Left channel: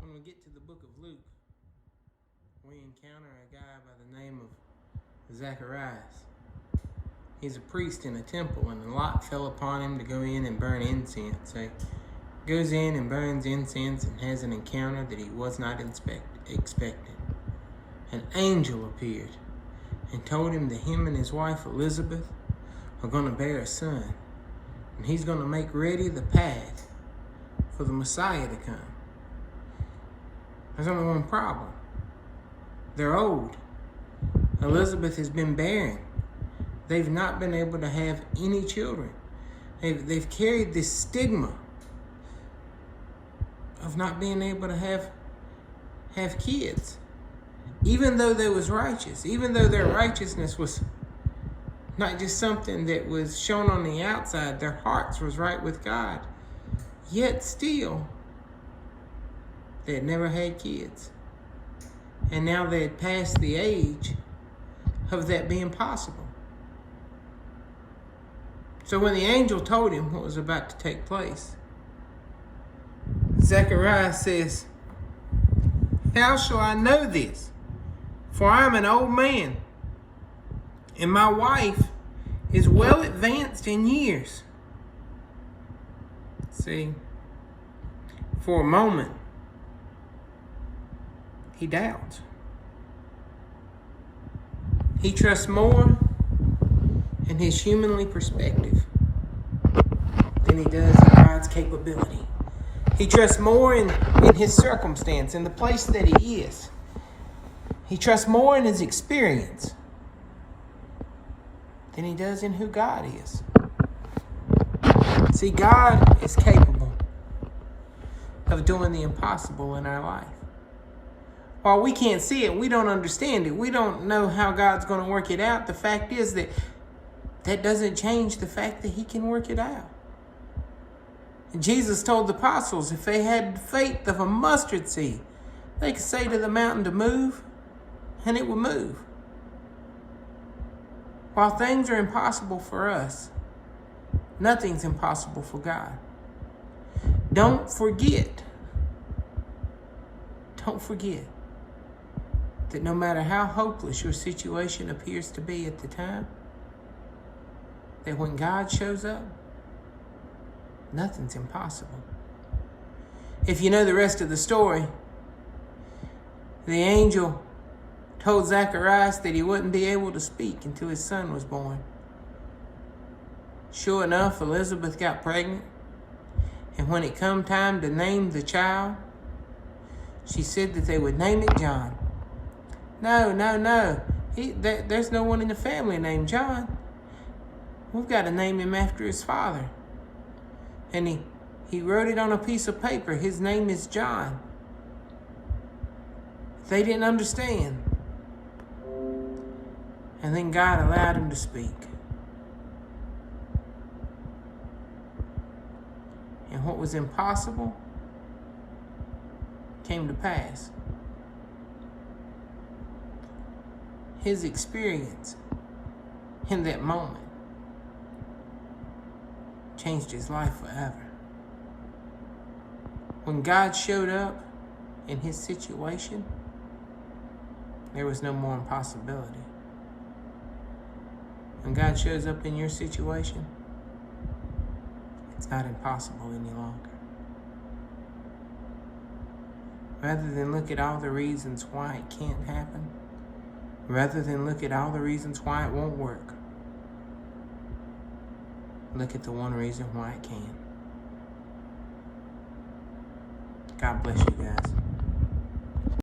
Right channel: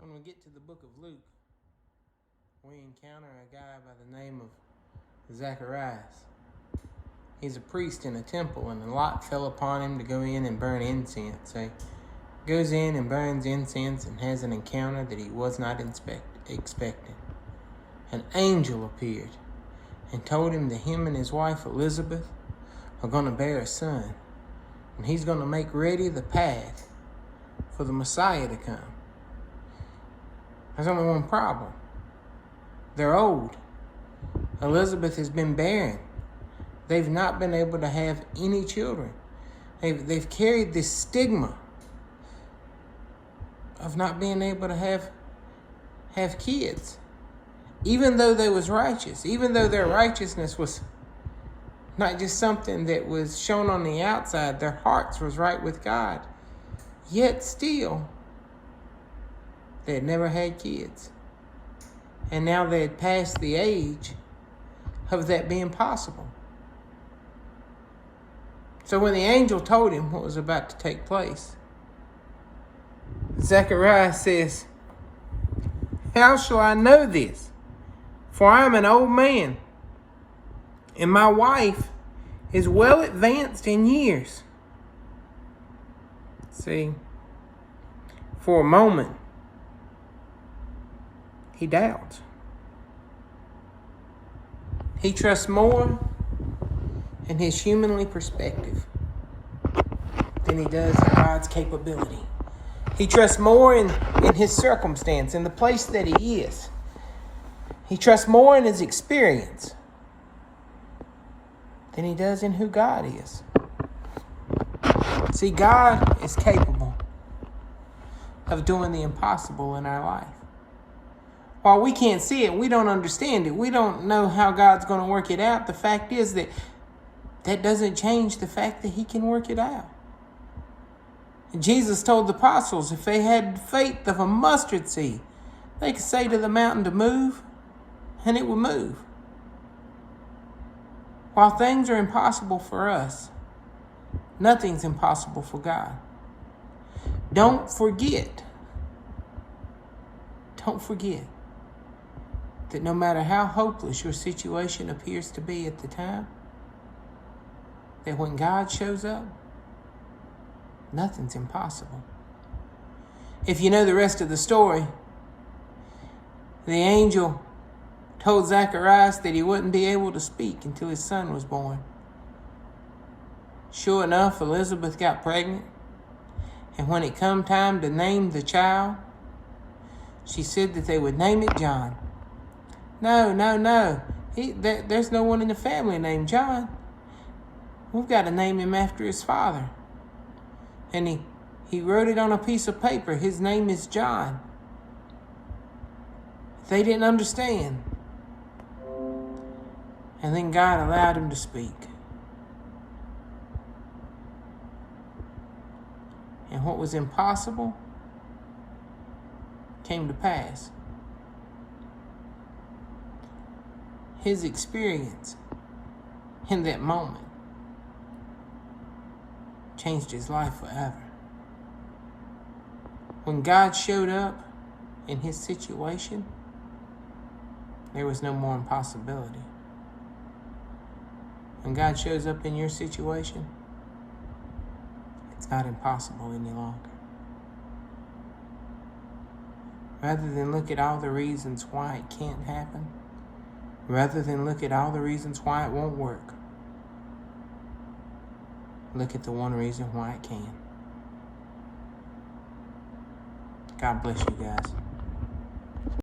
When we get to the book of Luke, we encounter a guy by the name of Zacharias. He's a priest in a temple, and a lot fell upon him to go in and burn incense. So he goes in and burns incense and has an encounter that he was not expecting. An angel appeared and told him that him and his wife Elizabeth are going to bear a son, and he's going to make ready the path for the Messiah to come. There's only one problem. They're old. Elizabeth has been barren. They've not been able to have any children. They've carried this stigma of not being able to have kids. Even though they was righteous, even though their righteousness was not just something that was shown on the outside, their hearts was right with God. Yet still, they had never had kids. And now they had passed the age of that being possible. So when the angel told him what was about to take place, Zacharias says, "How shall I know this? For I am an old man, and my wife is well advanced in years." See, for a moment, he doubts. He trusts more in his humanly perspective than he does in God's capability. He trusts more in his circumstance, in the place that he is. He trusts more in his experience than he does in who God is. See, God is capable of doing the impossible in our life. While we can't see it, we don't understand it, we don't know how God's going to work it out, the fact is that doesn't change the fact that he can work it out. Jesus told the apostles if they had faith of a mustard seed, they could say to the mountain to move, and it will move. While things are impossible for us, nothing's impossible for God. Don't forget that no matter how hopeless your situation appears to be at the time, that when God shows up, nothing's impossible. If you know the rest of the story, the angel told Zacharias that he wouldn't be able to speak until his son was born. Sure enough, Elizabeth got pregnant, and when it come time to name the child, she said that they would name it John. No. There's no one in the family named John. We've got to name him after his father. And he wrote it on a piece of paper. His name is John. They didn't understand. And then God allowed him to speak. And what was impossible came to pass. His experience in that moment changed his life forever. When God showed up in his situation, there was no more impossibility. When God shows up in your situation, it's not impossible any longer. Rather than look at all the reasons why it can't happen, rather than look at all the reasons why it won't work, look at the one reason why it can. God bless you guys.